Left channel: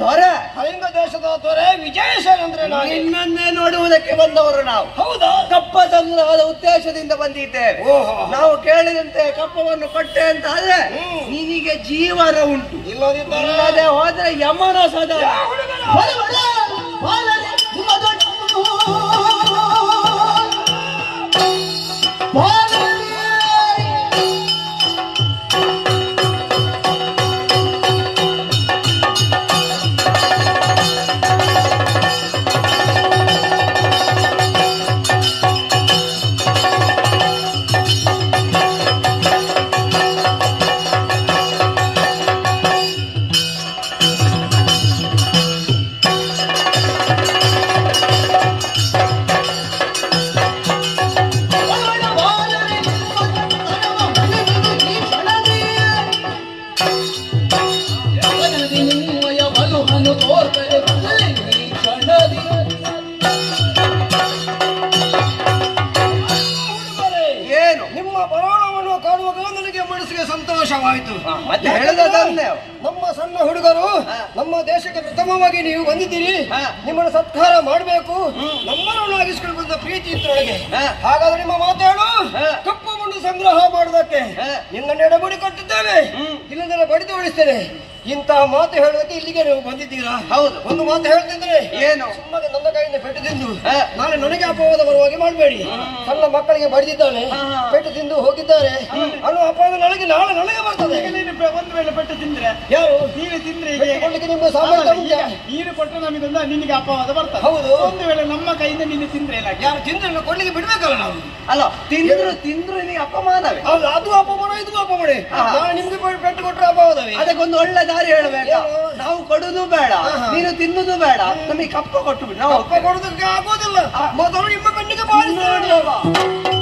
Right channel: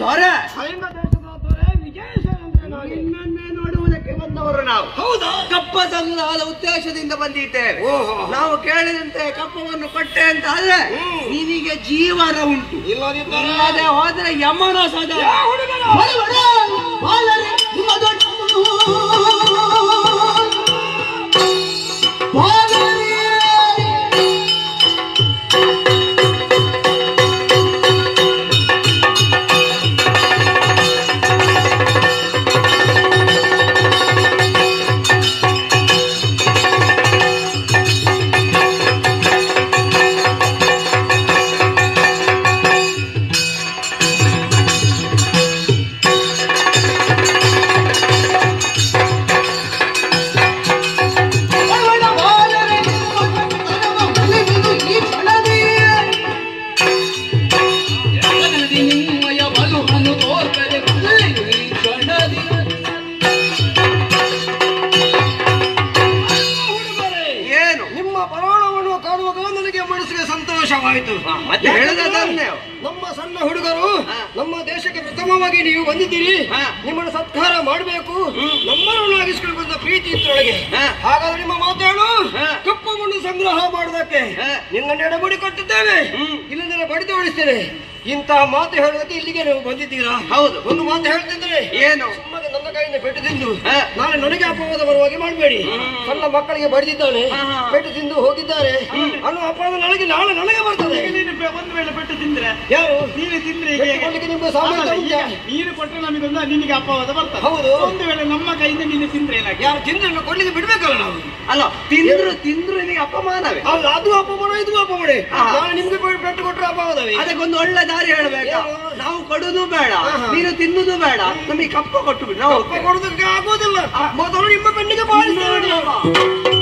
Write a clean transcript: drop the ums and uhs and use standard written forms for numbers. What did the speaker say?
ದೊರೆ ಕಳಿಂಗ ದೇಶದ ದೊರೆ ವಿಜಯಸೇನೇಂದ್ರ ನಿನ್ನನ್ನೇ ನೋಡುವುದಕ್ಕೆ ಬಂದವರು ನಾವು. ಹೌದಾ? ಕಪ್ಪ ಸಂಗ್ರಹದ ಉದ್ದೇಶದಿಂದ ಬಂದಿದ್ದೇವೆ. ನಾವು ಕೇಳಿದಂತೆ ಕಪ್ಪವನ್ನು ಕೊಟ್ಟೆ ಅಂತ ಆದ್ರೆ ನಿನಗೆ ಜೀವನ ಉಂಟು, ಇಲ್ಲದೆ ಹೋದ್ರೆ ಯಮನ ಸದಾ. ಸಂತೋಷವಾಯಿತು. ನಮ್ಮ ಸಣ್ಣ ಹುಡುಗರು ನಮ್ಮ ದೇಶಕ್ಕೆ ಪ್ರಥಮವಾಗಿ ನೀವು ಬಂದಿದ್ದೀರಿ, ನಿಮ್ಮನ್ನು ಸತ್ಕಾರ ಮಾಡಬೇಕು, ನಮ್ಮನ್ನು ಆಗಿಸ್ಕೊಂಡು ಬಂದ ಪ್ರೀತಿ ಇತ್ತೊಳಗೆ. ಹಾಗಾದ್ರೆ ನಿಮ್ಮ ಮಾತಾಡು ಕಪ್ಪವನ್ನು ಸಂಗ್ರಹ ಮಾಡುವುದಕ್ಕೆ ನಿನ್ನ ನೆಡಬಡಿ ಕಟ್ಟಿದ್ದೇವೆ, ಇಲ್ಲಂದ್ರೆ ಬಡಿದು ಉಳಿಸ್ತೇನೆ. ಇಂತಹ ಮಾತು ಹೇಳೋದಕ್ಕೆ ಇಲ್ಲಿಗೆ ನೀವು ಬಂದಿದ್ದೀರಾ? ಹೌದು. ಒಂದು ಮಾತು ಹೇಳ್ತಿದ್ರೆ ಏನು? ಸುಮ್ಮನೆ ನನ್ನ ಕೈಯಿಂದ ಪೆಟ್ಟು ತಿಂದು ನಾಳೆ ನನಗೆ ಅಪವಾದ ಬರುವಾಗಿ ಮಾಡಬೇಡಿ. ಸಣ್ಣ ಮಕ್ಕಳಿಗೆ ಬಡಿದಿದ್ದಾಳೆ, ಪೆಟ್ಟು ತಿಂದು ಹೋಗಿದ್ದಾರೆ ಅನ್ನೋ ಅಪವಾದ ನನಗೆ ನಾಳೆ ನನಗೆ ಬರ್ತದೆ. ಒಂದು ವೇಳೆ ಪೆಟ್ಟು ತಿಂದ್ರೆ ಯಾರು ನೀನು ತಿಂದ್ರೆ ನಿಮ್ಮ ಸಾಮರ್ಥ್ಯ ಉಂಟಾ? ನೀರು ಕೊಟ್ಟರೆ ನಿನಗೆ ಅಪವಾದ ಬರ್ತದೆ. ಹೌದು. ಒಂದು ವೇಳೆ ನಮ್ಮ ಕೈಯಿಂದ ನೀನು ತಿಂದ್ರೆ ಏನಾಗಿ? ಯಾರು ತಿಂದ್ರೆ ಕೊಡ್ಲಿಕ್ಕೆ ಬಿಡ್ಬೇಕಲ್ಲ ನಾವು. ಅಲ್ಲ, ತಿಂದ್ರು ನಿನಗೆ ಅಪಮಾನವೇ. ಅದು ಅಪಮಾನ, ಇದು ಅಪಮಾನ. ನಾಳೆ ನಿಮ್ಗೆ ಪೆಟ್ಟು ಕೊಟ್ಟರೆ ಅಪವಾದವೇ. ಅದಕ್ಕೊಂದು ಒಳ್ಳೆ ದಾರಿ ಹೇಳಬೇಕು. ನಾವು ಕೊಡುದು ಬೇಡ, ನೀನು ತಿನ್ನುದು ಬೇಡ, ನಮಗೆ ಕಪ್ಪ ಕೊಟ್ಟು ಬಿಡು. ನಾವು ಕೊಡುದಕ್ಕೆ ಆಗೋದಿಲ್ಲ. ಮೊದಲು ನಿಮ್ಮ ಕಣ್ಣಿಗೆ ಬಾಳಿ